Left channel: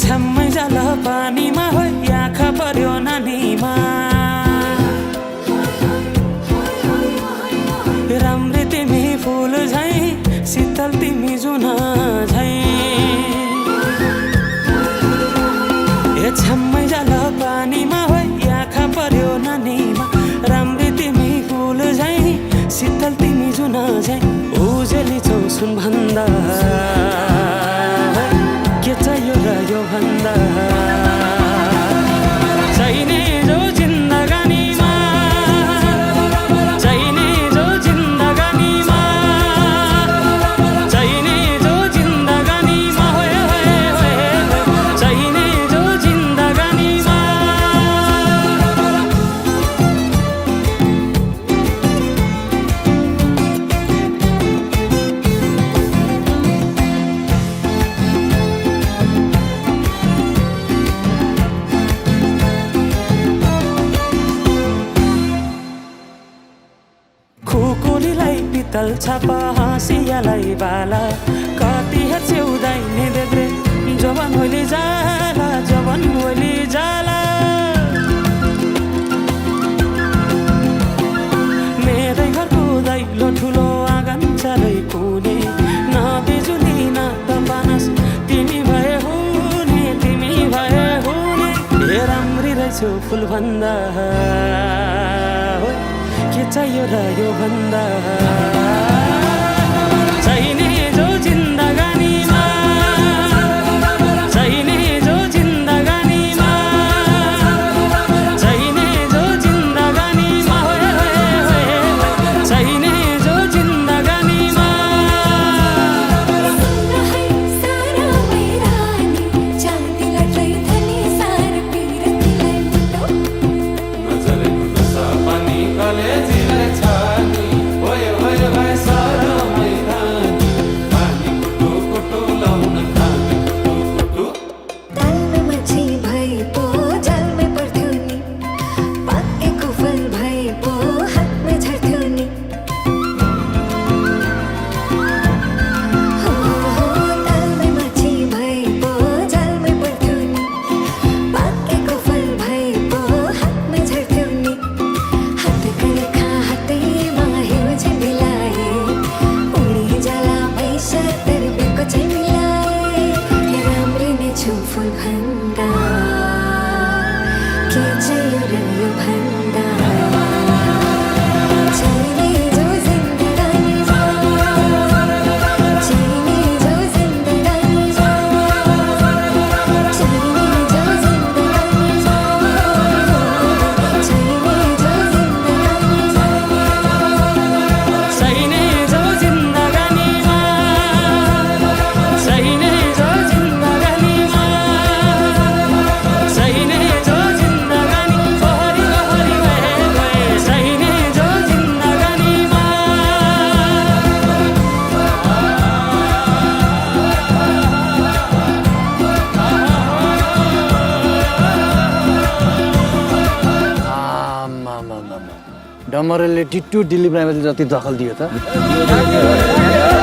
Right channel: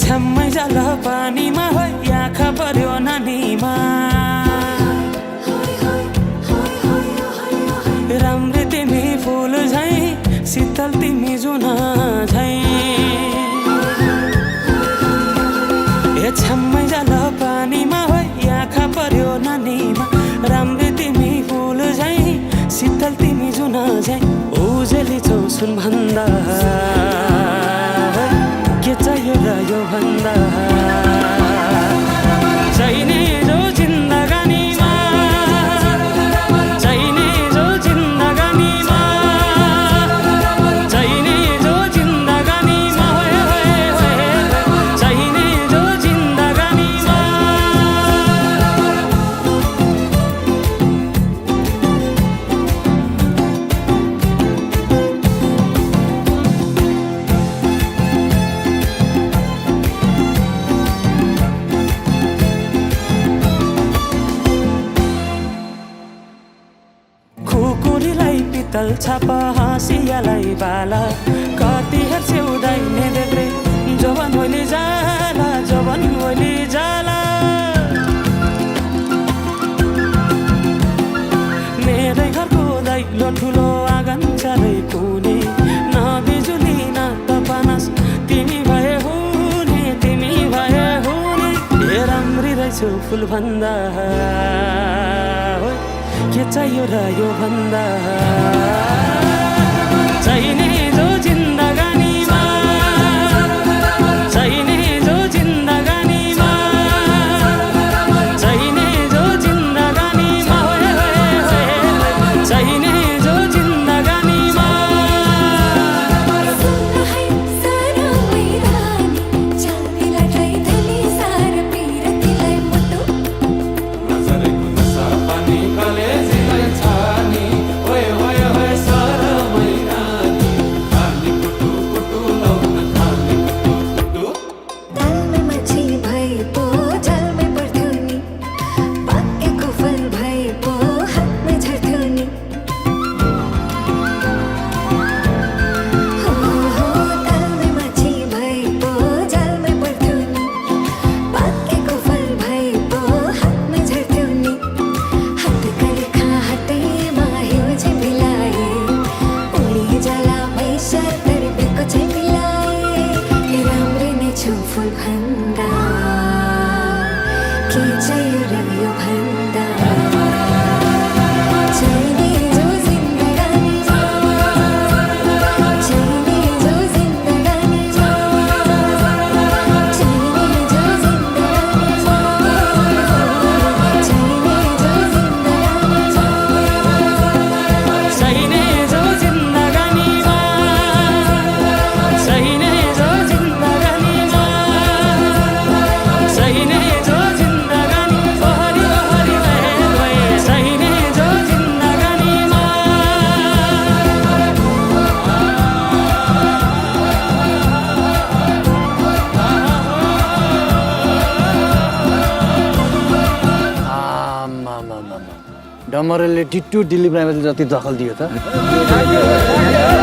छम्मै जाल पानीमा हो आँखा पर्यो नानीमा राम्री तिमी फुल झै शीतल तिमी जुन झै छम्मै जाल पानीमा हो आँखा पर्यो नानीमा राम्री तिमी फुल झै शीतल तिमी जुन झै उजेली छौ सुन भन्दा के चाहियो र यो भन्दा चाहिने जो जिन्दगानीमा चाहिने जो जिन्दगानीमा चाहिने जो जिन्दगानीमा होए होए होए चाहिने जो जिन्दगानीमा खुकुरीलाई पितल छापा हाँसियालाई बाला कति हेर्छे उदाइने देब्रे जवान होली जाला जवान होली जाला मेरै घरको दैलो ठुलो आँगन चारै कुने न बिजुली न त पानस तिमी भए हुने तिमी भए हुने हे राम्री रहेछौ फुल भन्दा के चाहियो र यो भन्दा चाहिने जो जिन्दगानीमा चाहिने जो जिन्दगानीमा चाहिने जो जिन्दगानीमा होए होए होए चाहिने जो जिन्दगानीमा फुल भन्दा के चाहियो र यो भन्दा चाहिने जो जिन्दगानीमा चाहिने जो जिन्दगानीमा चाहिने जो जिन्दगानीमा चाहिने जो जिन्दगानीमा चाहिने जो जिन्दगानीमा चाहिने जो चाहिने जो जिन्दगानी ओहरी ओहरी भए गए चाहिने जो जिन्दगानीमा डमरेलले टिट्टु दिलीप राईमाझी जति दखल दियो त